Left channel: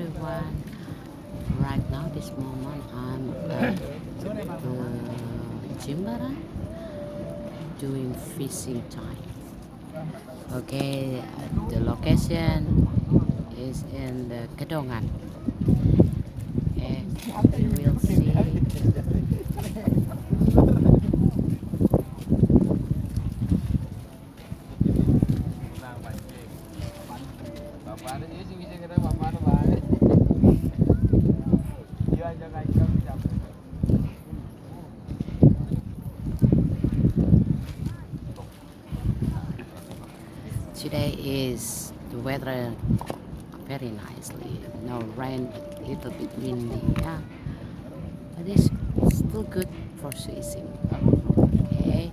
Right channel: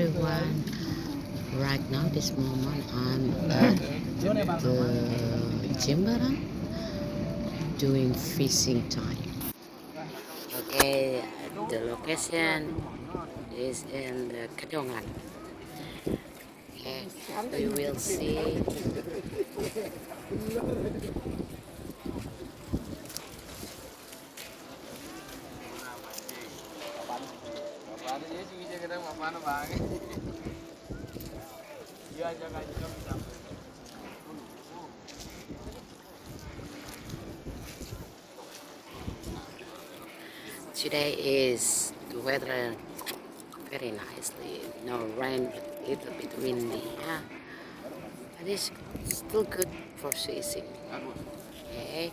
everyone. Right now, this moment, I'm at the Jimbaran doing fishing time. Okay, the location is in the Kedongan. Okay, we will see. Today is the weather very nicely. No rain, but little bit windy. Yeah, but it's still good for fishing. Okay,